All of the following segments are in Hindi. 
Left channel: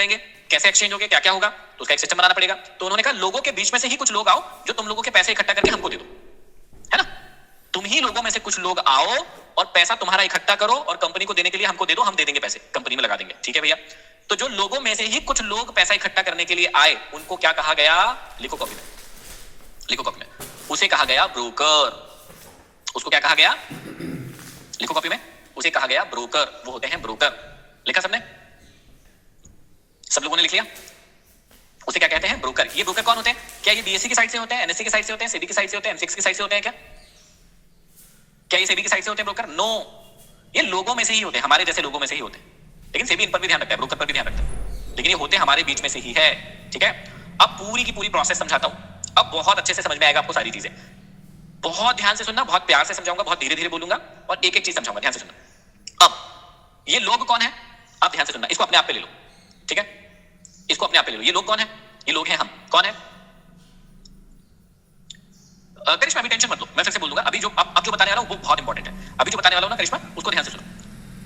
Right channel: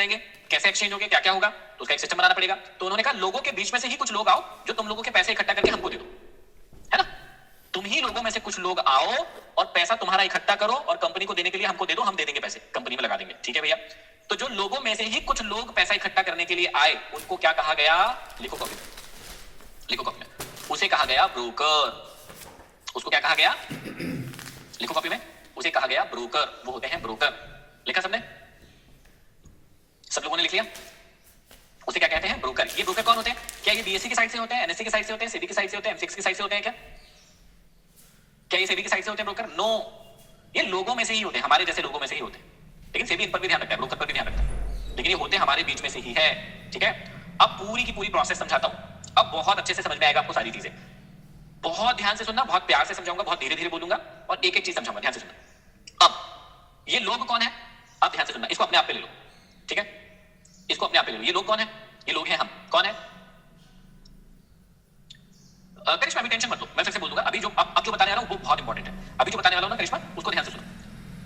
रहेंगे, कैसे एक्सचेंज होंगे, क्या क्या होगा, तो उसका एक सिस्टम बनाना पड़ेगा। तो उन्होंने कहा लोगों के बीच में से ही कुछ लोग आओ जो तुम लोगों के पैसे इकट्ठा करके हमको दे दो, है ना। तुम ही लोगों में से कुछ लोग आओ और पैसा तुम्हारा इकट्ठा करो और कंपनी को देने के लिए हमको दे दो, हम दे देंगे पैसे, कंपनी में लगा देंगे, ठीक है भैया। तो जो लोगों में से ही कुछ लोग पैसा इकट्ठा करने के लिए आए उनको क्या कहा गया, लिखो कॉपी में, लिखो कॉपी में, उसे कहा गया ब्रोकर। उसको क्या कहा गया, लिखो कॉपी में, उसे कहा गया ब्रोकर। वो होते हैं ब्रोकर। लिखा सबने, सब लोगों ने लिख लिया। उसे क्या कहते हैं, ब्रोकर। ये ब्रोकर कौन होते हैं, क्या ये बीएससी की साइड से होते हैं, एनएससी की साइड से होते हैं, सेबी की साइड से होते हैं, एमसीएक्स की साइड से होते हैं, क्या ये सेबी की साइड से होते हैं ब्रोकर? नो, ये लोगों में से ही होते हैं, हमारे जैसे लोगों में से ही होते हैं। लेकिन सेबी इन पर भी ध्यान रखता है, ब्रोकर पर भी ध्यान रखता है, लेकिन ये होते हमारे बीच में से ही है, ठीक है। अब पूरी की पूरी प्रोसेस समझाता हूं, अब बहुत अच्छे से समझ में आएगा आपको सारी चीजें। बहुत ध्यान से सुनना, बहुत प्यार से समझाऊंगा, बहुत धीरे धीरे बोलूंगा और एक एक चीज समझाऊंगा, ध्यान से सुनना। अब ये लोग कौन है, अब ध्यान से सुनना, इसको अपने आप पे ले लो, ठीक है, इसको अपने आप पे ले लो। ये लोग कौन है, ये लोग हैं हम। कौन है, करिश्मा, अभी टेंशन मत लो, मैं फिर से बोल दूंगा। अभी जो अब जो बताने वाला हूं वो बहुत इंपॉर्टेंट है। अभी जो बताने वाला हूं ना करिश्मा, उसको ध्यान से सुनो।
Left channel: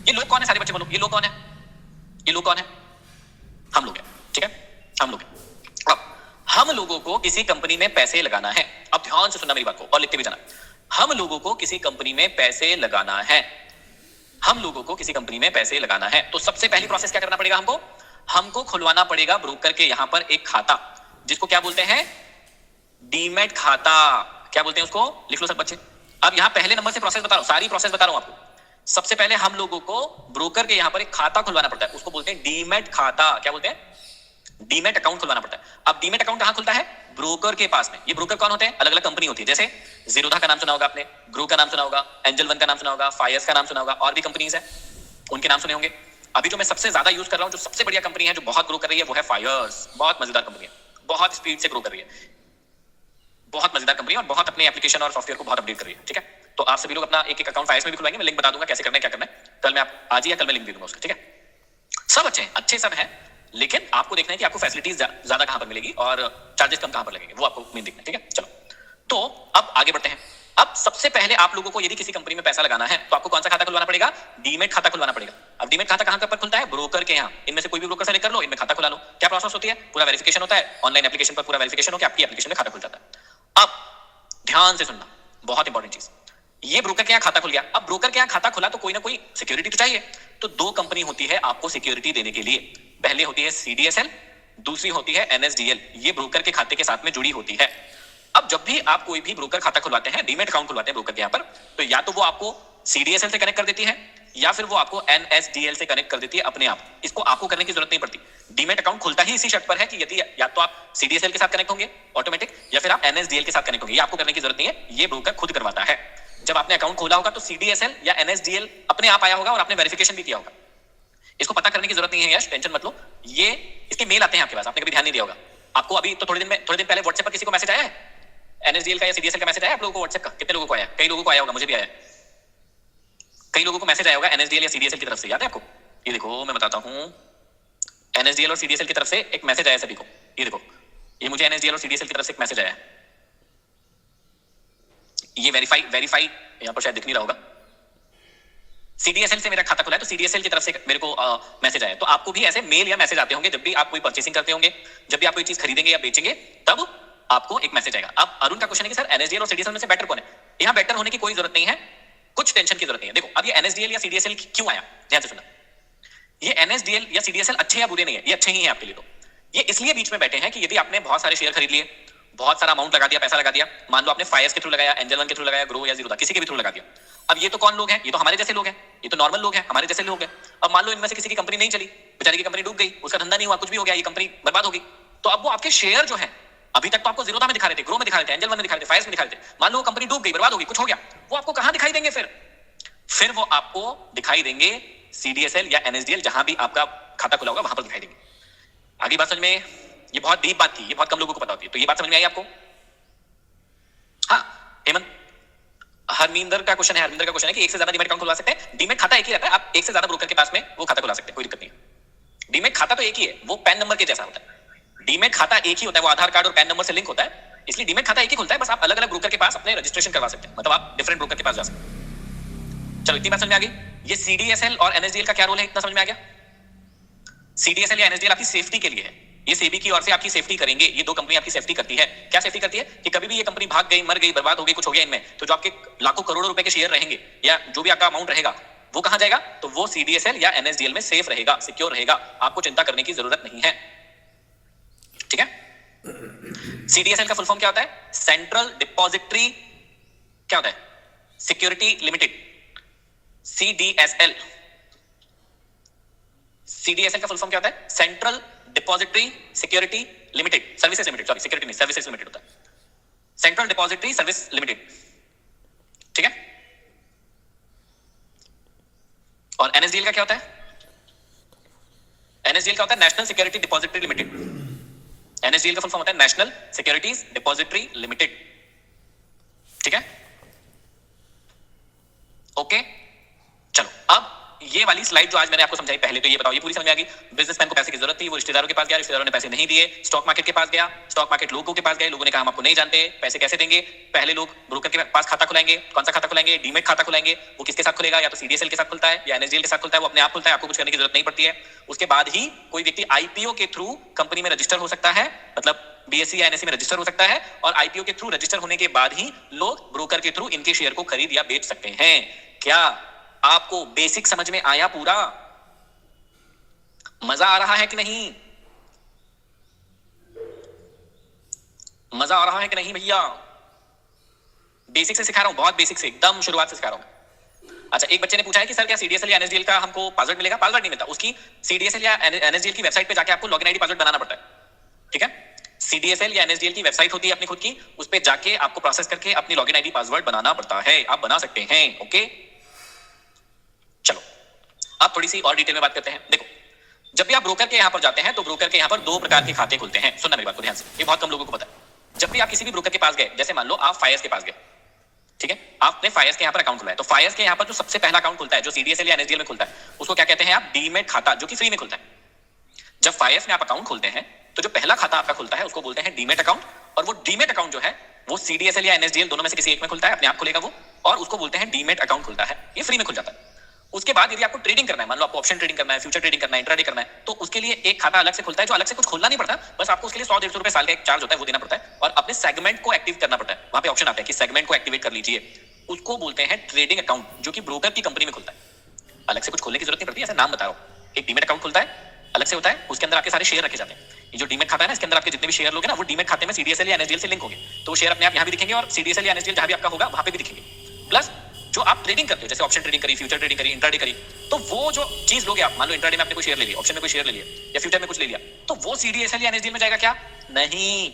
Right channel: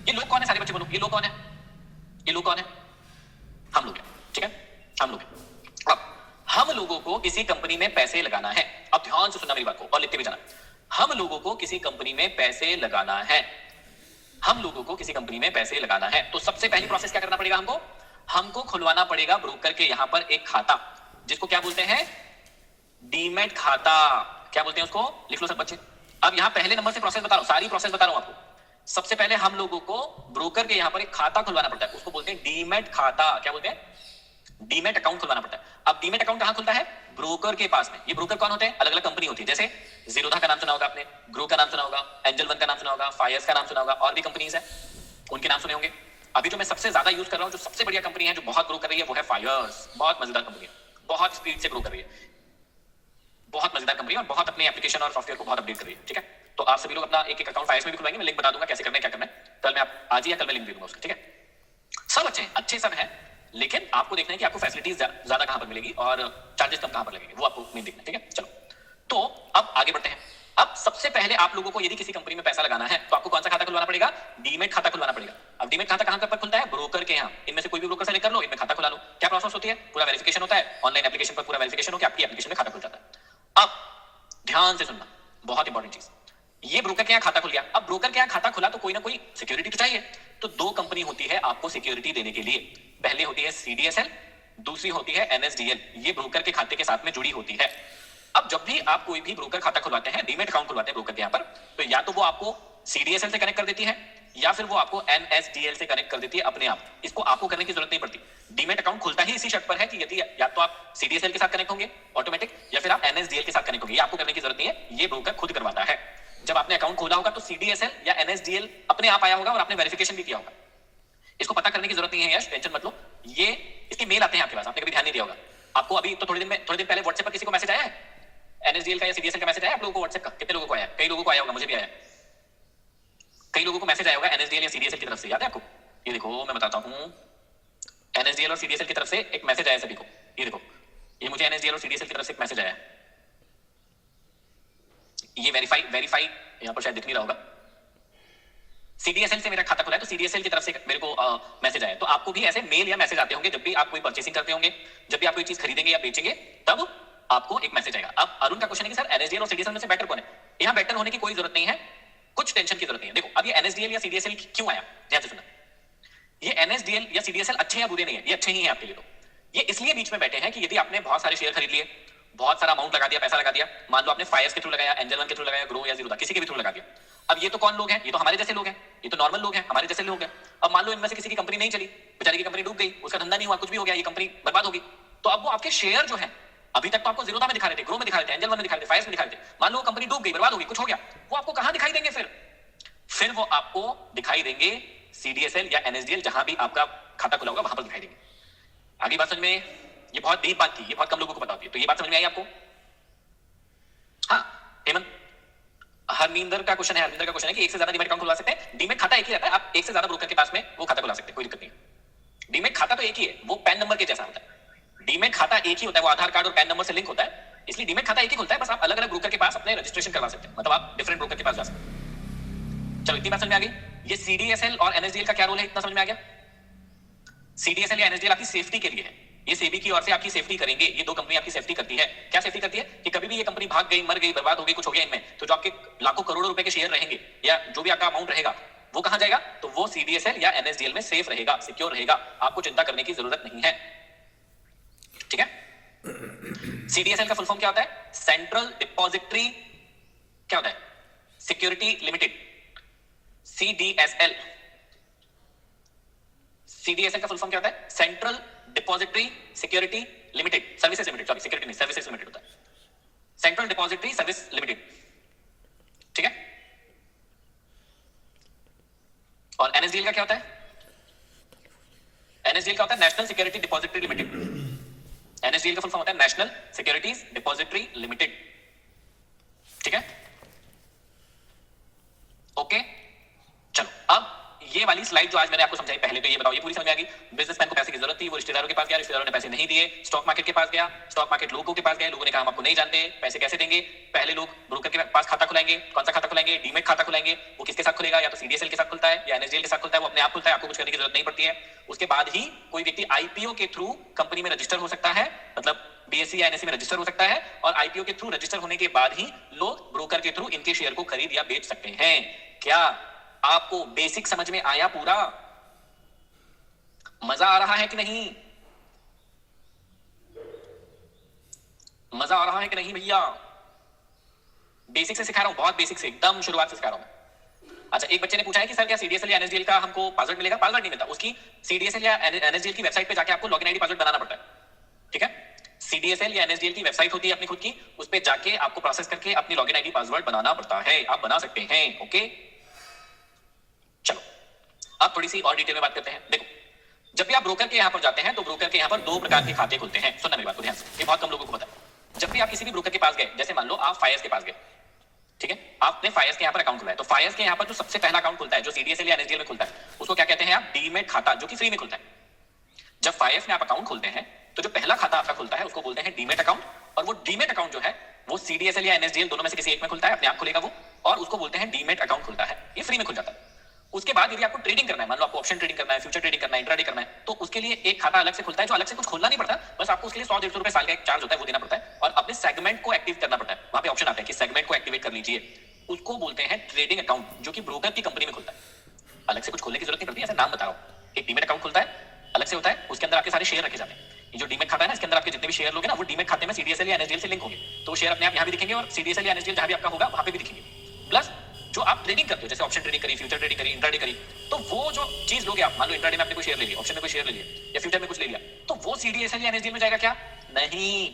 ये लोग कौन है, सारे बच्चे बोलो, ये लोग कौन है, ये लोग कौन है, हम लोग हैं, ठीक है, हम लोग हैं। अब हम लोगों को किसी कंपनी में पैसे लगाना है, अब ध्यान से सुनना मेरी बात को और लिखते भी जाना। हम लोगों को किसी कंपनी में पैसे लगाना है, हम लोगों को किसी कंपनी में पैसे लगाना है, तो सबसे पहली प्रोसेस क्या करना पड़ेगा हमको, हमको खुलवाना पड़ेगा ब्रोकर के यहां पर एक खाता, जिसको क्या बोलते हैं, डीमैट खाता। क्या बोलते हैं उसको, लिख लो सब बच्चे। अब यहां पहले नंबर से प्रोसेस बता रहा हूं, सारी प्रोसेस बता रहा हूं आपको। सबसे पहले हम लोगों को ब्रोकर के यहां पर एक खाता खुलवाना पड़ता है, उसको बोलते हैं डीमैट खाता। क्या बोलते हैं, डीमैट अकाउंट खुलवाना पड़ता है। अब डीमैट अकाउंट कहां खुलता है, ब्रोकर के पास में। ये ब्रोकर कौन होते हैं, अलग अलग कंपनी होती है, जैसे जीरोधा का नाम सुना होगा आपने, ग्रो का नाम सुना होगा, एंजल वन का नाम सुना होगा, फायर्स का नाम सुना होगा, और भी कंपनीज है उनके नाम सुने होंगे। अभी जो मैं सबसे ज्यादा यूज कर रहा हूं, जो सबसे बढ़िया कंपनी है, जो बहुत ग्रो कर रही है, वो है फायर्स। बहुत मजेदार कंपनी है, बहुत स्पीड से ग्रो कर रही है, बहुत मजेदार कंपनी है और बहुत अपने एप्लीकेशन और सॉफ्टवेयर को बहुत अपडेट कर रही है, ठीक है। तो आप सभी लोग अपना एक एक अकाउंट फायर्स में भी खुलवाएंगे, मैं लिंक बता दूंगा कैसे करना है, क्या करना है। कल मैं आप आज ही या कल मैं लिंक दे दूंगा उसका, ठीक है। सब अच्छे सब है, लेकिन आपको देखना है कि आपको फैसिलिटीज ज्यादा कहां पर मिलेगी और चार्जेस कम कहां पर लगेंगे, वो आपको मेन देखना है, ठीक है। चलो, तो अब आगे बढ़ते हैं। अब सबसे पहले आप लोगों को यदि किसी कंपनी में पैसा लगाना है तो आपको कौन सा खाता खुलवाना पड़ेगा, डीमैट खाता खुलवाना पड़ेगा। अब डीमैट खाता कहां पर खुलता है, ब्रोकर के यहां। इनमें से कोई भी ब्रोकर से लेकर लो, इनमें खाता खुला लो। क्या प्रोसेस होती है, पूरा वेरिफिकेशन होता है, ऑनलाइन एप्लीकेशन पर पूरा वेरिफिकेशन होकर आपकी एप्लीकेशन में खाता खुल जाता है। अब ध्यान से सुनना, बहुत इंपॉर्टेंट चीज, ये ब्रोकर के यहां खाता खुल गया। अब ब्रोकर के यहां खाता खुला तो कोई ना कोई सिक्योरिटी तो चाहिए, तो दो कंपनी होती है आपको सिक्योरिटी देने के लिए। पहले होती है सीडीएसएल, दूसरी होती है एनएसडीएल। ये ब्रोकर के खाते के साथ में जुड़ी होती है। अब जब भी आप कोई भी ब्रोकर खाता खुलवाते हैं, डीमैट अकाउंट खुलवाते हैं ब्रोकर के यहां पर, तो या तो वो आपको सीडीएसएल से कनेक्ट कर देती है या फिर वो आपको एनएसडीएल से कनेक्ट कर देती है अपने आप। इसको आपको करने की जरूरत नहीं पड़ती। डीमैट अकाउंट खुलता ही इसी शर्त पर है कि यदि या तो आप सीडीएसएल के साथ कनेक्ट होंगे ऑटोमेटिक, या फिर आप एनएसडीएल के साथ कनेक्ट होंगे। ये आपको करने की जरूरत नहीं है, ये ब्रोकर खुद करवाता है। जब आपने अकाउंट खोला होगा तो सीडीएसएल या एनएसडीएल अपने आप आया होगा और आपने वेरिफिकेशन भी किया होगा। इसको पता करने की जरूरत नहीं है यश, टेंशन मत लो। ये इसके मेल आते हैं आपके पास, आपने कभी ध्यान नहीं दिया होगा। आपको अभी तो थोड़े दिन पहले व्हाट्सएप पर किसी को मैसेज आया है, एनएसडीएल का या सीडीएसएल का मैसेज आया आप लोगों को व्हाट्सएप का? कितने लोगों को आया? कई लोगों को आया होगा, मुझे भी आया। कई लोगों को मैसेज आया होगा एनएसडीएल या सीडीएसएल की तरफ से, याद है आपको? ये देखो मैं बताता हूं, एनएसडीएल और सीडीएसएल की तरफ से एक मैसेज आया सभी को। ये देखो, ये मुझे एनएसडीएल और सीडीएसएल की तरफ से एक मैसेज आया है। ये वेरीफाई यहां पर शायद दिख नहीं रहा होगा। सीडीएसएल से मेरा खाता खुला है तो सीडीएसएल की तरफ से मेरे को मैसेज आया। तो आपको भी ऐसे मेल या मैसेज आते होंगे जब भी आप कोई परचेसिंग करते होंगे, जब भी आप कोई चीज खरीदेंगे या बेचेंगे, तब आपको एक मैसेज आएगा। अब अरुण का क्वेश्चन है कि सर एनएसडीएल और सीडीएसएल में से बेटर कौन है? यहां बेटर होने की कोई जरूरत नहीं है, कुछ टेंशन की जरूरत नहीं है। देखो अब ये एनएसडीएल या सीडीएसएल क्यों आया, ध्यान से सुनना। ये एनएसडीएल या सीडीएसएल अच्छे या बुरे नहीं है, ये अच्छे ही हैं आपके लिए। तो ये इसलिए बीच में बैठे हैं कि यदि आपने बहुत सारे शेयर खरीद लिए, बहुत सारा अमाउंट लगा दिया, पैसा लगा दिया, मान लो आपने फायर्स के थ्रू लगाया, एंजल वन के थ्रू लगाया, ग्रो या जीरोधा, किसी के भी थ्रू लगा दिया। अब ये तो कौन लोग हैं, ये तो हमारे जैसे लोग हैं, ये तो नॉर्मल लोग हैं, हमारे जैसे लोग हैं। अब मान लो इनमें से किसी की कंपनी नहीं चली, बेचारी की कंपनी डूब गई, उसका धंधा नहीं हुआ, कुछ भी हो गया, ये कंपनी बर्बाद हो गई, तो अब वो आपके शेयर जो है, अभी तक तो आपको जीरोधा में दिखा रहे थे, ग्रो में दिखा रहे थे, एंजल वन में दिखा रहे थे, फायर्स में दिखा रहे थे, मान लो कंपनी डूब गई, बर्बाद हो गई, कुछ हो गया, वो आपको कहां दिखाई देंगे? फिर वो आपको दिखाई देंगे सीडीएसएल या एनएसडीएल, जहां भी आपका खाता खुला होगा वहां पर दिखाई देंगे। आगे बात समझ में? ये बहुत डीप बात थी, ये बहुत कम लोगों को पता होती है, तो ये बात समझ में आई आपको? हाँ हेमंत, हरमिंदर का क्वेश्चन है कि एक से ज्यादा डीमैट अकाउंट खुलवा सकते हैं? डीमैट खाता एक ही रहता है, आप एक से ज्यादा ब्रोकर के पास में वो खाता खुला सकते हैं, कोई दिक्कत नहीं है। डीमैट खाता तो एक ही है, वो पैन नंबर के जैसा होता है। डीमैट खाता एक ही होता है, वो आधार कार्ड और पैन नंबर से लिंक होता है, इसलिए डीमैट खाता एक ही खुलता है। बस आप अलग अलग ब्रोकर के पास अपने रजिस्ट्रेशन करवा सकते हैं, मतलब आप डिफरेंट ब्रोकर के पास जा सकते हैं। चलो इतनी बात समझ में आ गई। ये सीडीएसएल और एनएसडीएल का क्या रोल है, इतना समझ में आ गया? सीडीएसएल या एनएसडीएल आपकी सेफ्टी के लिए है, ये सेबी की ओर से आपकी सेफ्टी करेंगे। ये दो कंपनी आपकी सेफ्टी करती है। क्या सेफ्टी करती है कि कभी भी ये कंपनी भाग गई, मर गई, बर्बाद हो गई, कुछ हो गया इनमें, तो जो आपके लाखों करोड़ों रुपए के शेयर रहेंगे या जो भी आपका अमाउंट रहेगा वो कहां जाएगा? तो वो सीडीएसएल या एनएसडीएल में सेफ रहेगा, सिक्योर रहेगा, आपको चिंता करने की जरूरत नहीं है। ठीक है। सीडीएसएल का फुल फॉर्म क्या होता है? सेंट्रल डिपॉजिटरी क्या होता है? Security limited, CDSL. सीडीएसएल का फुल फॉर्म क्या होता है? Central depository security limited, services limited, sorry security नहीं, सर्विसेज लिमिटेड होता है, सेंट्रल डिपॉजिटरी सर्विस लिमिटेड। ठीक है। और एनएसडीएल का क्या होता है? एनएसडीएल का होता है national security depository limited. NSDL का फुल फॉर्म होता है नेशनल सिक्योरिटीज डिपॉजिटरी लिमिटेड। ठीक है। ओके, चलो अब ये वाली स्लाइड जो आज मैंने आपको समझाई, पहले तो ये बताओ, ये पूरी समझ में आ गई। बिजनेसमैन को पैसे की जरूरत थी, वो रिश्तेदारों के पास गया, रिश्तेदारों ने पैसे नहीं दिए, स्टॉक मार्केट के पास गया, स्टॉक मार्केट लोगों के पास गए, लोगों ने कहा हम आपको नहीं जानते, पैसे कैसे देंगे? पहले लोग ब्रोकर के पास खाता खुलाएंगे। कौन सा खाता खुलाएंगे? डीमेट खाता खुलाएंगे। वो किसके साथ खुलेगा? या तो सीडीएसएल के साथ खुलता है या एनएसडीएल के साथ खुलता है, वो अपने आप खुलता है, आपको कुछ करने की जरूरत नहीं पड़ती है। उसके बाद ही कोई व्यक्ति आईपीओ के थ्रू कंपनी में रजिस्टर हो सकता है, मतलब बीएससी या एनएससी में रजिस्टर हो सकता है, और आईपीओ के थ्रू रजिस्टर होने के बाद ही लोग ब्रोकर के थ्रू इनके शेयर को खरीद या बेच सकते हैं। क्या आपको बेसिक समझ में आया? पूरा मजा आ रहा है कि नहीं? मजा आ रहा है कि नहीं भैया? बेसिक से सिखा रहा हूं, बहुत बेसिक से, एकदम शुरुआत से सिखा रहा हूं। अच्छा, एक बच्चे ने पूछा है कि सर क्या सीडीएसएल या एनएसडीएल का हमको पासवर्ड मिलेगा? पासवर्ड नहीं मिलता, उसकी सीडीएसएल या एनएसडीएल की वेबसाइट पे जाके आपको लॉगिन आईडी पासवर्ड बनाना पड़ता है। ठीक है। सीडीएसएल या एनएसडीएल की वेबसाइट होती है अपनी खुद की, उस पे जाके आपको प्रोसेस करके अपनी लॉगिन आईडी पासवर्ड बनाना पड़ता है। आप बना सकते हैं। ओके, चलो अब थोड़ी सी और डिटेल में बात करते हैं। देखो, जब भी आप ब्रोकर के यहां पर जाते हैं तो ब्रोकर के यहां पर दो प्रकार के खाते खुलते हैं। सुनना मेरी बात को ध्यान से, ये बहुत कम लोगों को पता है। जब भी आप किसी भी ब्रोकर के पास गए, जैसे मान लो आप फायर्स के पास गए, ठीक है, आपने फायर्स के यहां पर अकाउंट खुलाया, तो फायर्स के यहां पर जो सबसे पहला अकाउंट खुलता है, जो सीडीएसएल या एनएसडीएल में खुलता है, उसको क्या कहते हैं आप? डीमेट खाता, जो कि फ्री में खुलता है। जब फायर्स में आप अकाउंट खोलते हैं तो जो पहला खाता आपका खुलता है उसको बोलते हैं डीमेट अकाउंट, और वो डीमेट अकाउंट जो है वो सीडीएसएल या एनएसडीएल दोनों में से किसी एक में खुलता है, अपने आप खुलेगा वो, और उसको बोलते हैं डीमेट अकाउंट खुलता है। ये फ्री में खुल जाता है। उसके बाद यदि आपको ट्रेडिंग करना है, मान लो आपको ऑप्शन ट्रेडिंग करना है, फ्यूचर ट्रेडिंग करना है, इंट्राडे करना है, तो उसके लिए एक खाता अलग से खुलता है, जो अलग से कुछ खोलना नहीं पड़ता, बस आपको उसके लिए 100-150 रुपए साल का एक चार्ज होता है, वो देना पड़ता है, और अपने सेगमेंट को एक्टिव करना पड़ता है। वहां पे ऑप्शन आता है कि सेगमेंट को एक्टिवेट कर लीजिए। उसको बोलते हैं ट्रेडिंग अकाउंट, जो कि ब्रोकर की कंपनी में खुलता है। अलग से कुछ खोलने की जरूरत नहीं पड़ती, ऐसा नाम बता रहा हूं। एक डीमेट अकाउंट खुलता है, अलग से होता है, उसके अंदर आपके सारे शेयर रखे जाते हैं। ये जो डीमेट खाता है ना, इसके अंदर आपके जितने भी शेयर लोगे ना, वो डीमेट खाते में सीडीएसएल या एनएसडीएल से लिंक होंगे, तो वो शेयर अपने आप यहां भी दिखेंगे और सीडीएसएल या एनएसडीएल जहां भी आपका होगा वहां पे भी दिखेंगे। प्लस जो आप ट्रेडिंग करते हो, जैसे ऑप्शन ट्रेडिंग करी, फ्यूचर ट्रेडिंग करी, इंट्राडे करी, तो वो जो चीज लोगे आप, मान लो इंट्राडे में आपने कोई शेयर ले लिया, ऑप्शन में कोई शेयर ले लिया, या फ्यूचर में कुछ ले लिया, तो वो सीडीएसएल या एनएसडीएल में जाएगा क्या? नहीं।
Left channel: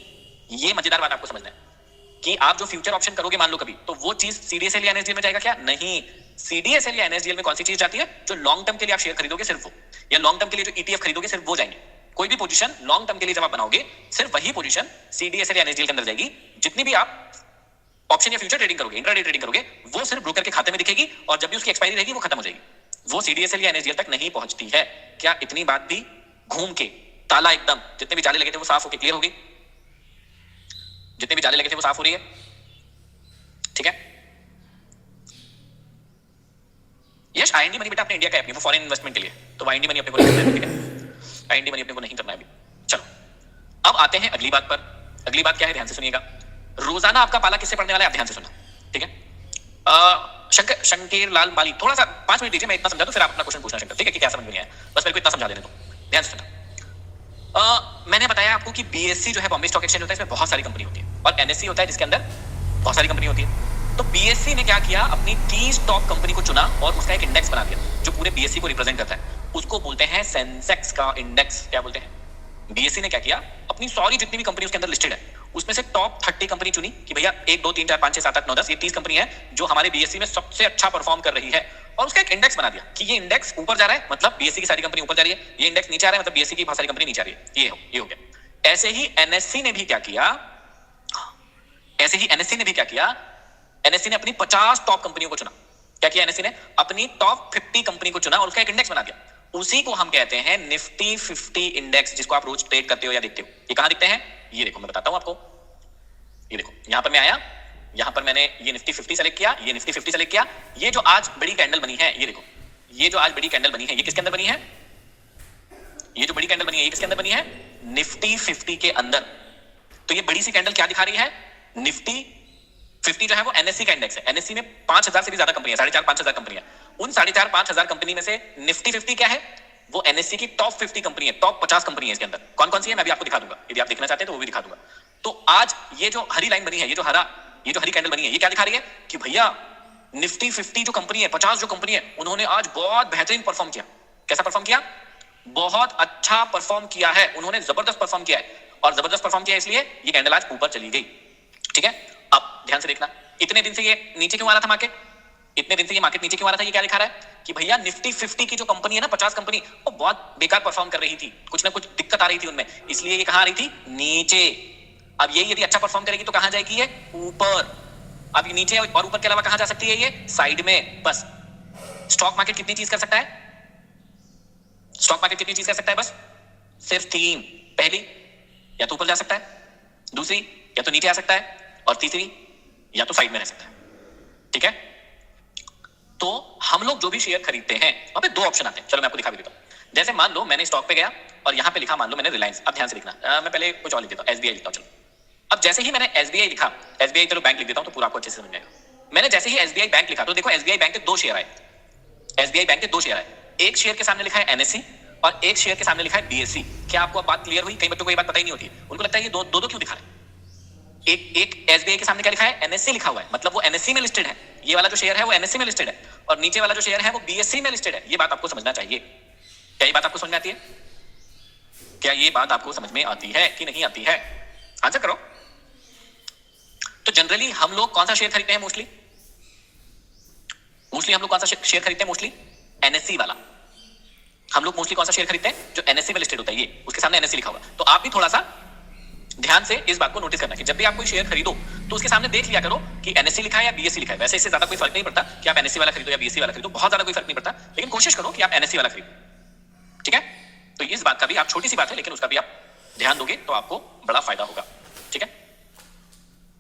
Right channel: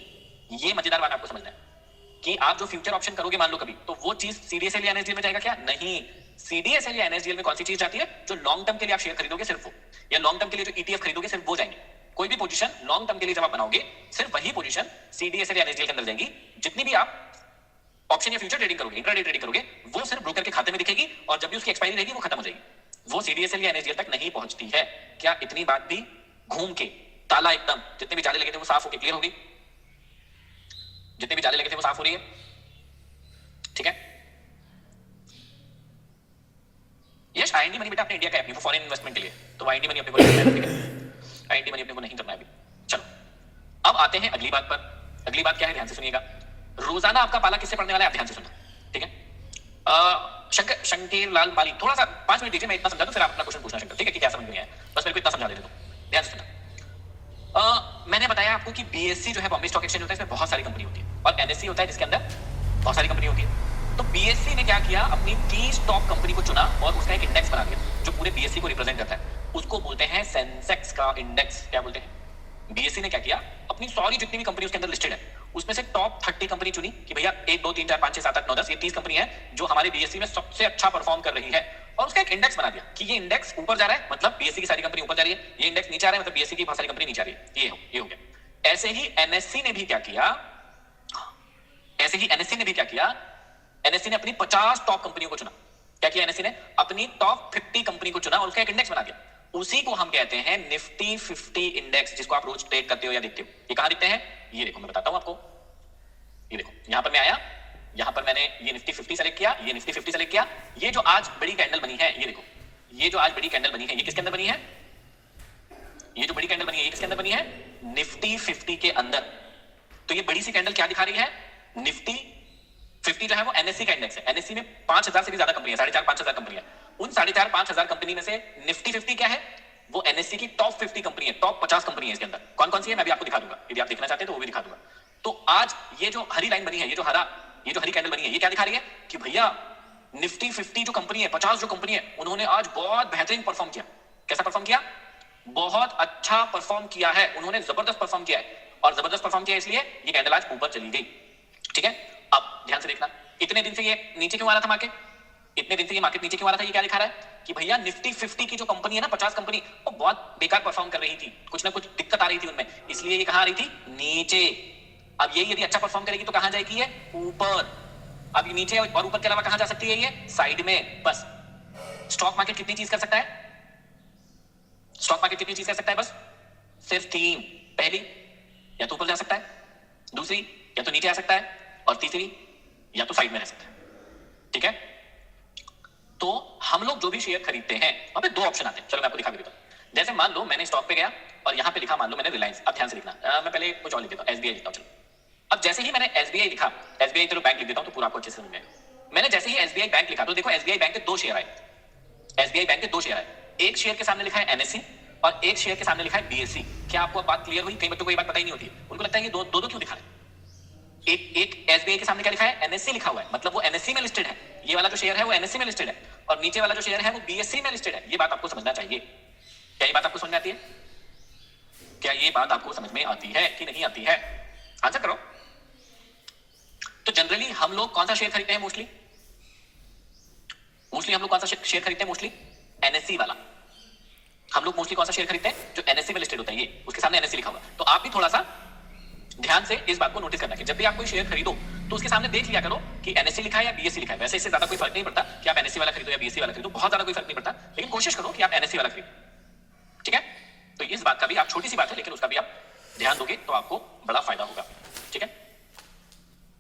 ये मजेदार बात आपको समझना है कि आप जो फ्यूचर ऑप्शन करोगे मान लो कभी, तो वो चीज सीडीएसएल या एनएसडीएल में जाएगा क्या? नहीं। सीडीएसएल या एनएसडीएल में कौन सी चीज जाती है? जो लॉन्ग टर्म के लिए आप शेयर खरीदोगे सिर्फ वो, या लॉन्ग टर्म के लिए जो ईटीएफ खरीदोगे सिर्फ वो जाएंगे। कोई भी पोजीशन लॉन्ग टर्म के लिए जब आप बनाओगे, सिर्फ वही पोजीशन सीडीएसएल या एनएसडीएल के अंदर जाएगी। जितनी भी आप ऑप्शन या फ्यूचर ट्रेडिंग करोगे, इंट्राडे ट्रेडिंग करोगे, वो सिर्फ ब्रोकर के खाते में दिखेगी, और जब भी उसकी एक्सपायरी रहेगी वो खत्म हो जाएगी, वो सीडीएसएल या एनएसडीएल तक नहीं पहुंचती है। क्या इतनी बात भी घूम के ताला एकदम, जितने भी जाले लगे थे वो साफ होके क्लियर हो गई? जितने भी जाले लगे थे वो साफ हो रही है? ठीक है। यस, आईएनडी मनी बेटा अपने इंडिया का है, वो फॉरेन इन्वेस्टमेंट के लिए, तो आईएनडी मनी अपने को नहीं करना है, ठीक है, आईएनडी मनी अपने को नहीं करना है अभी। चलो अब आते हैं अगली बात पर। अगली बात क्या है, ध्यान से सुनिएगा। रोजाना आपका पाला किससे पढ़ने वाला है, आप ध्यान से सुनना, ठीक है। शंकर लाल बाली, थोड़ा सा 5 मिनट दीजिए, मैं इतना समझा दूं, फिर आप अपना क्वेश्चन पूछना शंकर, ठीक है, कि क्या समझ में नहीं आया, बस मेरे को इतना समझा देने दो, ध्यान से सुनना। मैंने बताया आपको कि बीएससी जो है बॉम्बे स्टॉक एक्सचेंज होता है, इसमें बहुत सारी कंपनी होती है, और एनएससी होता है जिसके अंदर बहुत सारी कंपनी होती है। तो बीएससी ने क्या किया, अपनी 30 टॉप कंपनी को चुना और उसका एक इंडेक्स बना दिया जो पूरे बीएससी को रिप्रेजेंट करता है। उसको बोलते हैं सेंसेक्स का इंडेक्स। क्या बोलते हैं? बीएससी ने क्या किया, अपनी सारी जितनी भी कंपनी उसके अंदर लिस्टेड है, उसमें से टॉप 30 कंपनी चुनी कि भैया 1 2 3 4 5 6 7 8 9 10 ये 30 कंपनी है जो हमारे बीएससी में सबसे अच्छा परफॉर्म कर रही है, और उसका एक इंडेक्स बना दिया कि ये इंडेक्स ऊपर जा रहा है मतलब बीएससी की सारी कंपनी ऊपर जा रही है, ये इंडेक्स नीचे आ रहा है मतलब बीएससी की बहुत सारी कंपनी नीचे आ रही है। ये हो गया। ऐसे ही एनएससी ने भी क्या किया, एनएससी ने अपनी 50 टॉप कंपनियों को चुना। क्या किया एनएससी ने? अपनी टॉप 50 कंपनी को चुना और उसका एक इंडेक्स बना दिया। उसी को हम कहते हैं निफ्टी 50 इंडेक्स, जिसको आप रोज ट्रेड करते हो या देखते हो। ये कहां दिखते हैं? ये देखो, मैं बताता हूं आपको। ये देखो, यहां पर मैं आया, यहां पर मैंने ये निफ्टी 50 सेलेक्ट किया, ये निफ्टी 50 सेलेक्ट किया। ये जो आज बड़ी कैंडल बनी है, ये देखो, ये जो आज बड़ी कैंडल बनी है, ये किसके अंदर बनी है? ये जो बड़ी कैंडल बनी है ये किसके अंदर बनी है? निफ्टी 50 के अंदर। तो ये बड़ी सी कैंडल क्या दिखा रही है? निफ्टी 50 जो है वो एनएससी का इंडेक्स है। एनएससी में 5000 से भी ज्यादा कंपनियां, 4500-5000 कंपनियां। उन 4500-5000 कंपनी में से निफ्टी 50 क्या है? वो एनएससी की टॉप 50 कंपनी है, टॉप 50 कंपनी है इसके अंदर। कौन कौन सी है मैं भी आपको दिखा दूंगा, यदि आप देखना चाहते हैं तो वो भी दिखा दूंगा। तो आज ये जो हरी लाइन बनी है, ये जो हरी कैंडल बनी है, ये क्या दिखा रही है कि भैया निफ्टी 50 जो कंपनी है, 50 जो कंपनी है, उन्होंने आज बहुत बेहतरीन परफॉर्म किया। कैसा परफॉर्म किया? बहुत अच्छा परफॉर्म किया है, उन्होंने जबरदस्त परफॉर्म किया है। और जबरदस्त परफॉर्म किया इसलिए ये कैंडल आज ऊपर चली गई। ठीक है, अब ध्यान से देखना, इतने दिन से ये नीचे क्यों आ रहा था मार्केट? इतने दिन से ये मार्केट नीचे क्यों आ रहा था? ये क्या दिखा रहा है कि भैया निफ्टी 50 की जो कंपनी है ना, 50 कंपनी, वो बहुत बेकार परफॉर्म कर रही थी, कुछ ना कुछ दिक्कत आ रही थी उनमें, इसलिए ये कहां आ रही थी? नीचे। अब ये यदि अच्छा परफॉर्म करेगी तो कहां जाएगी? ये ऊपर। अब ये नीचे और ऊपर के अलावा कहां जा सकती है? ये साइड में। बस स्टॉक मार्केट कितनी चीज कर सकता है? स्टॉक मार्केट कितनी चीज कर सकता है? बस सिर्फ 3। पहली, या तो ऊपर जा सकता है, दूसरी या तो नीचे आ सकता है, और तीसरी या तो साइड में रह सकता है। ठीक है, तो हम लोग जो भी शेयर खरीदते हैं वहां पे 2 ऑप्शन आते हैं। चलो मैं आपको दिखा भी देता हूं। जैसे मान लो मैंने स्टॉक पे गया और यहां पे लिखा, मान लो मैंने रिलायंस। अब ध्यान से लिखना, मैं पहले कुछ और लिख देता हूं, एसबीआई लिखता हूं। चलो, अब जैसे ही मैंने एसबीआई लिखा, एसबीआई चलो बैंक लिख देता हूं तो पूरा आपको अच्छे से समझ में आएगा। मैंने जैसे ही एसबीआई बैंक लिखा तो देखो एसबीआई बैंक के 2 शेयर आए। एसबीआई बैंक के 2 शेयर आए, एक शेयर के सामने लिखा है एनएससी और एक शेयर के सामने लिखा है बीएससी। क्या आपको अब बात क्लियर हुई? कई बच्चों को ये बात पता ही नहीं होती है, उनको लगता है ये दो क्यों दिखा रहे हैं। एक एसबीआई के सामने क्या लिखा है? एनएससी लिखा हुआ है, मतलब वो एनएससी में लिस्टेड है। ये वाला जो शेयर है वो एनएससी में लिस्टेड है, और नीचे वाला जो शेयर है वो बीएससी में लिस्टेड है। ये बात आपको समझना चाहिए। क्या ये बात आपको समझ में आती है? क्या ये बात आपको समझ में आती है कि नहीं आती है? आंसर करो। तो जनरली हम लोग कौन सा शेयर खरीदते हैं? मोस्टली हम लोग कौन सा शेयर खरीदते हैं? मोस्टली एनएससी वाला। हम लोग मोस्टली कौन सा शेयर खरीदते हैं? जो एनएससी में लिस्टेड होता है, ये उसके सामने एनएससी लिखा हुआ। तो आप भी थोड़ा सा ध्यान से इस बात को नोटिस करना कि जब भी आप कोई शेयर खरीदो तो उसके सामने देख लिया करो कि एनएससी लिखा है या बीएससी लिखा है। वैसे इससे ज्यादा कोई फर्क नहीं पड़ता कि आप एनएससी वाला खरीदो या बीएससी वाला खरीदो, बहुत ज्यादा कोई फर्क नहीं पड़ता, लेकिन कोशिश करो कि आप एनएससी वाला खरीदो। ठीक है, तो इस बात का भी, आप छोटी सी बात है लेकिन उसका भी आप ध्यान दोगे तो आपको बड़ा फायदा होगा। ठीक है,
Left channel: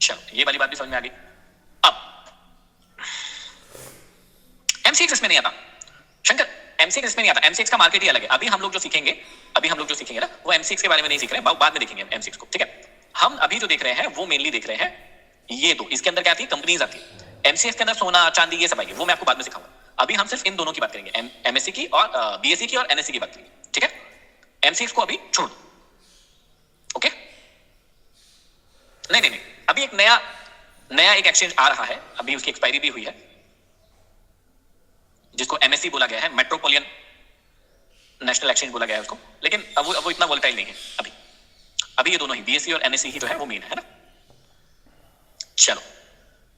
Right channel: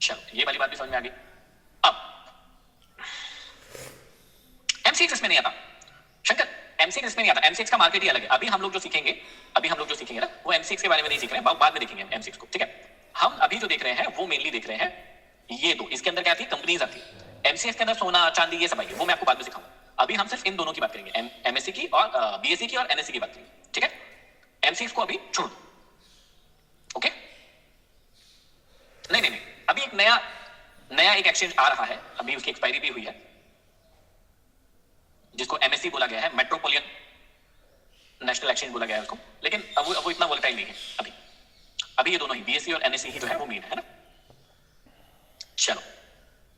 चलो ये वाली बात भी समझ में आ गई। अब एमसीएक्स इसमें नहीं आता शंकर, एमसीएक्स इसमें नहीं आता। एमसीएक्स का मार्केट ही अलग है। अभी हम लोग जो सीखेंगे ना, वो एमसीएक्स के बारे में नहीं सीख रहे हैं, बाद में देखेंगे एमसीएक्स को। ठीक है, हम अभी जो देख रहे हैं वो मेनली देख रहे हैं ये दो। इसके अंदर क्या आती है? कंपनीज आती है। एमसीएक्स के अंदर सोना चांदी ये सब आएगी, वो मैं आपको बाद में सिखाऊंगा। अभी हम सिर्फ इन दोनों की बात करेंगे, एमएससी की और बीएससी की और एनएससी की बात करेंगे। ठीक है, एमसीएक्स को अभी छोड़ दो। ओके, नहीं, अभी एक नया एक एक्सचेंज आ रहा है, अभी उसकी एक्सपायरी भी हुई है, जिसको एमएससी बोला गया है, मेट्रोपोलियन नेशनल एक्सचेंज बोला गया है उसको, लेकिन अब वो इतना वोलेटाइल नहीं है अभी ये दोनों ही बीएससी और एनएससी ही जो है वो मेन है ना। चलो,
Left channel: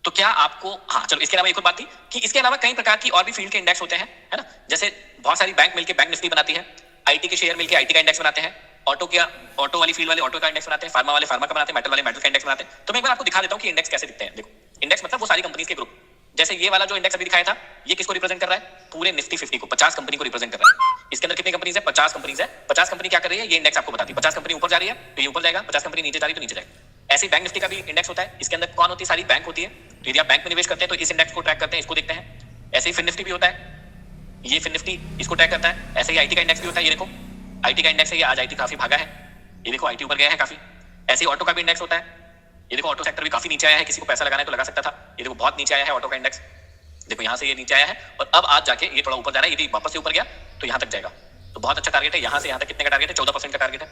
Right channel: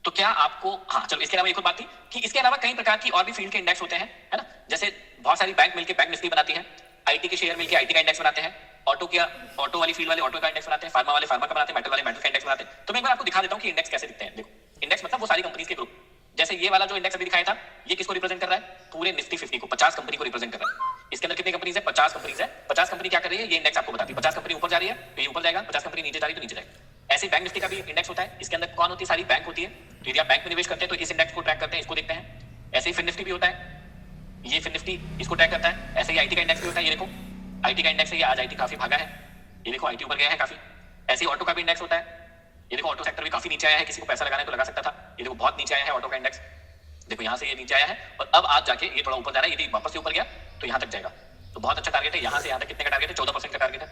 तो क्या आपको, हाँ चलो, इसके अलावा एक और बात थी कि इसके अलावा कई प्रकार की और भी फील्ड के इंडेक्स होते हैं, है ना। जैसे बहुत सारी बैंक मिलकर बैंक निफ्टी बनाती है, आईटी के शेयर मिलकर आईटी का इंडेक्स बनाते हैं, ऑटो वाली फील्ड वाले ऑटो का इंडेक्स बनाते हैं, फार्मा वाले फार्मा का बनाते हैं, मेटल वाले मेटल का इंडेक्स बनाते हैं। तो मैं एक बार आपको दिखा देता हूं कि इंडेक्स कैसे दिखते हैं। देखो, इंडेक्स मतलब वो सारी कंपनीज के ग्रुप। जैसे ये वाला जो इंडेक्स अभी दिखाया था, ये किसको रिप्रेजेंट कर रहा है? पूरे निफ्टी 50 को, 50 कंपनी को रिप्रेजेंट कर रहा है। इसके अंदर कितनी कंपनीज है? 50 कंपनीज है। 50 कंपनी क्या कर रही है? ये इंडेक्स आपको बताती है। 50 कंपनी ऊपर जा रही है तो ये ऊपर जाएगा, 50 कंपनी नीचे जा रही है तो नीचे जाएगा। ऐसे बैंक निफ्टी का भी इंडेक्स होता है। इसके अंदर कौन होती है? सारी बैंक होती है। तो यदि आप बैंक में निवेश करते हैं तो इस इंडेक्स को ट्रैक करते हैं, इसको देखते हैं। ऐसे ही फिन निफ्टी भी होता है, ये फिन निफ्टी इसको ट्रैक करता है। ऐसे ही आईटी का इंडेक्स भी होता है, ये देखो आईटी का इंडेक्स है, ये आज आईटी काफी भागा है, ये देखो आईटी ऊपर गया है काफी। ऐसे ही ऑटो का भी इंडेक्स होता है, ये देखो ऑटो सेक्टर भी काफी नीचे आया है, किसी को पैसा लगाना है तो लगा सकता था। ये देखो बहुत नीचे आया है ऑटो का इंडेक्स, देखो यहां से ये नीचे आया है और अब आज जाके ये थोड़ा ऊपर जा रहा है। यदि वापस से ऊपर गया तो यहां तक जाएगा, तो बहुत अच्छा टारगेट है। यहां से यहां तक कितने का टारगेट है? 14% का टारगेट है।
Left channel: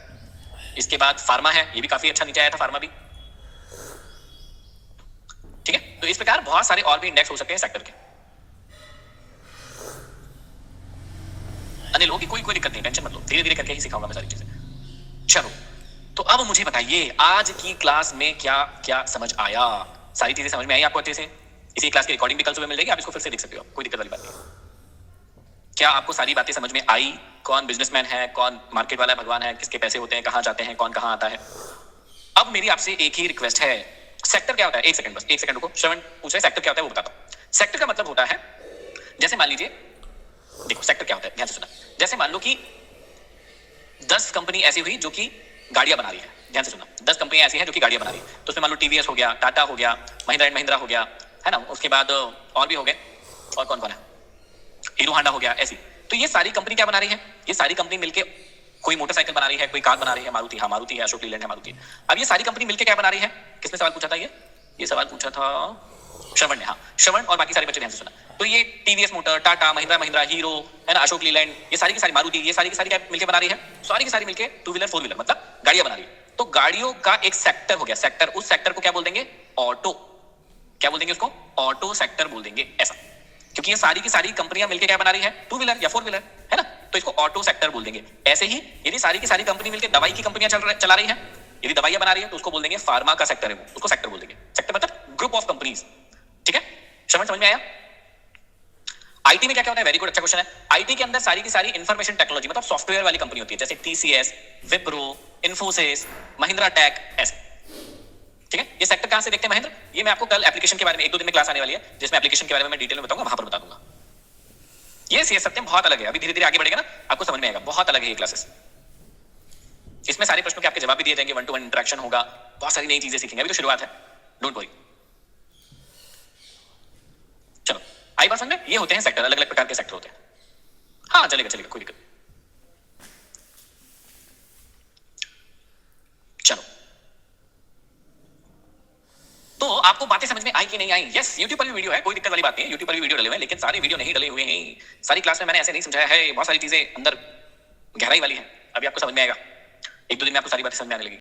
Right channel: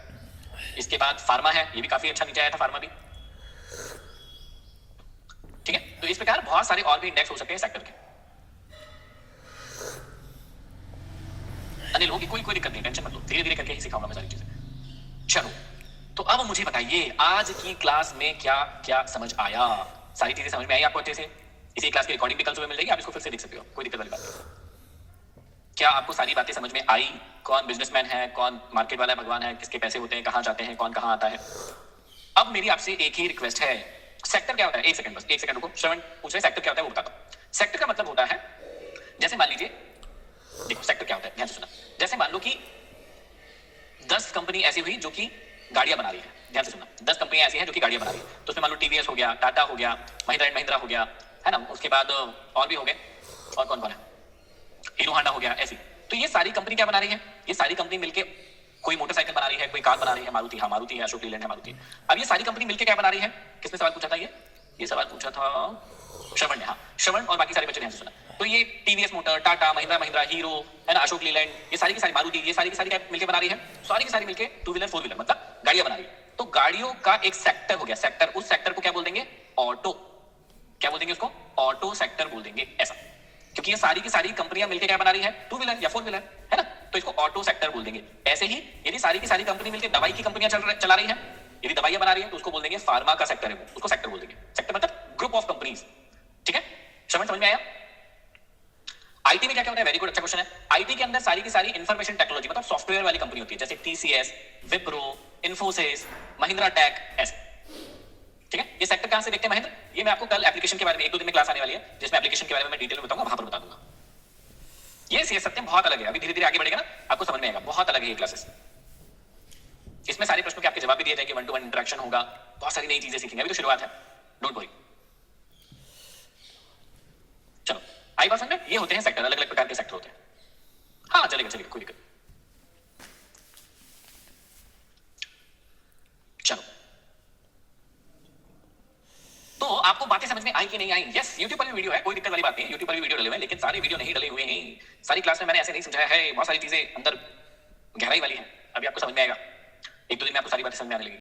इसके बाद फार्मा है, ये भी काफी अच्छा नीचे आया था फार्मा भी। ठीक है, तो इस प्रकार बहुत सारे और भी इंडेक्स हो सकते हैं सेक्टर के। अनिल होगी, कोई दिक्कत नहीं, टेंशन मत लो, धीरे धीरे करके ही सिखाऊंगा मैं सारी चीजें। चलो, तो अब मुझे बताइए आज की क्लास में क्या क्या समझ आया? सारी चीजें समझ में आई आपको अच्छे से? इसी क्लास की रिकॉर्डिंग भी कल सुबह मिल जाएगी, आप इसको फिर से देख सकते हो, कोई दिक्कत वाली बात नहीं। क्या आपको सारी बातें समझ में आई? कौन बिजनेसमैन है, कौन मार्केट वाला भगवान है, किसके पैसे होते हैं, कहां जाते हैं, कौन कहां आता है? अब मेरी आपसे एक ही रिक्वेस्ट है, सेक्टर क्या होता है? एक सेकंड बस, एक सेकंड रुको। श्रवण पूछ रहे सेक्टर क्या होता है, वो बताता हूं। सेक्टर का मतलब होता है, जैसे मान लीजिए, देखो सेक्टर क्या होता है, ध्यान से सुना। जैसे मान लो कि 10 कंपनी ऐसी हुई जो कि गाड़ियां बना रही है, ध्यान से सुना। 10 कंपनियां ऐसी हैं जो कि गाड़ियां बना रही है, तो उसमें मान लो टीवीएस हो गया, टाटा हो गया, महिंद्रा एंड महिंद्रा हो गया, है ना। उसके बाद और भी हो गए, और कौन कौन है, हीरो होंडा हो गया, ऐसी। तो ये सारी कंपनी क्या बना रही है? ये सारी कंपनी मिलके कोई मोटरसाइकिल बना रही है, कोई कार बना रही है, मारुति, हाँ मारुति है, अशोक लीलैंड है, मारुति है। अब ये सारी कंपनी मिलकर क्या बना रही है? किसने सवाल पूछा था? ये सवाल पूछा था श्रवण ने। हाँ, श्रवण और बाकी सारे बच्चे ध्यान से सुना। तो ये TVS motor, Tata, Mahindra Mahindra, hero है ना, अशोक लीलैंड, ये सारी की सारी, मारुति, ये सारी की सारी क्या मिलकर बना रही है? सारी की सारी मिलकर टू व्हीलर फोर व्हीलर मतलब गाड़ियां बना रही है। तो गाड़ियों का एक सेक्टर हो गया, सेक्टर, उस सेक्टर को क्या बोल देंगे? ऑटो। क्या बोल देंगे उसको? ऑटो सेक्टर बोल देंगे, ऐसा। क्योंकि ये सारी की सारी कंपनियां मिलकर क्या बना रही है? टू व्हीलर या फोर व्हीलर, है ना, तो इसको ऑटो सेक्टर बोल देंगे। ऐसे ही यदि सारी की सारी कंपनी मिलकर दवाई की कंपनियां चला रही है, यदि दवाइयां बना रही है, तो उसको बोल देंगे फार्मा का सेक्टर है, वो उसको सेक्टर बोल देंगे। सेक्टर मतलब ग्रुप ऑफ कंपनीज, ठीक है? समझ में आया? आईटी में क्या क्या होता है? वेरी गुड, अच्छा क्वेश्चन है। आईटी के अंदर सारी की सारी इंफॉर्मेशन टेक्नोलॉजी मतलब सॉफ्टवेयर वाली कंपनी होती है, जैसे टीसीएस, विप्रो, इन्फोसिस, महिंद्रा टेक, ऐसे, ठीक है? ये सेक्टर कहां से देखते हैं महेंद्र? ये मैं आपको कल एप्लीकेशन के बारे में 1-2 दिन में क्लास आने वाली है, जिसमें एप्लीकेशन के बारे में मैं डिटेल में बताऊंगा, वहां पर बता दूंगा। ये सीएस सत्यम बहुत अलग है, अभी धीरे धीरे आगे बढ़ेगा ना, आपको समझ में आएगा, बहुत अलग है ये क्लासेस। इसमें सारे प्रश्नों के आपके जवाब भी दिए जाएंगे, 1-to-1 इंटरेक्शन होगा, बहुत सारी नई चीजें सीखेंगे, अभी तो शुरुआत है, डोंट वरी। चलो, आई बात समझ में? ये होते हैं सेक्टर, अलग अलग प्रकार के सेक्टर होते हैं। हाँ चलेगा चलेगा, कोई दिक्कत। चलो, तो आपको बातें समझ में आई कि नहीं आई? यस, YouTube पर भी वीडियो है, कोई दिक्कत वाली बात नहीं है, YouTube पर भी वीडियो डले हुए हैं, लेकिन सारे वीडियो नहीं डले हुए हैं। सारी क्लास में मैंने ऐसे नहीं समझाया है, बहुत सारी चीजें अंदर गहराई वाली हैं, अभी आपको समझ में आएगा, 1-2 दिन में आपको सारी बातें समझ में आने लगेगी।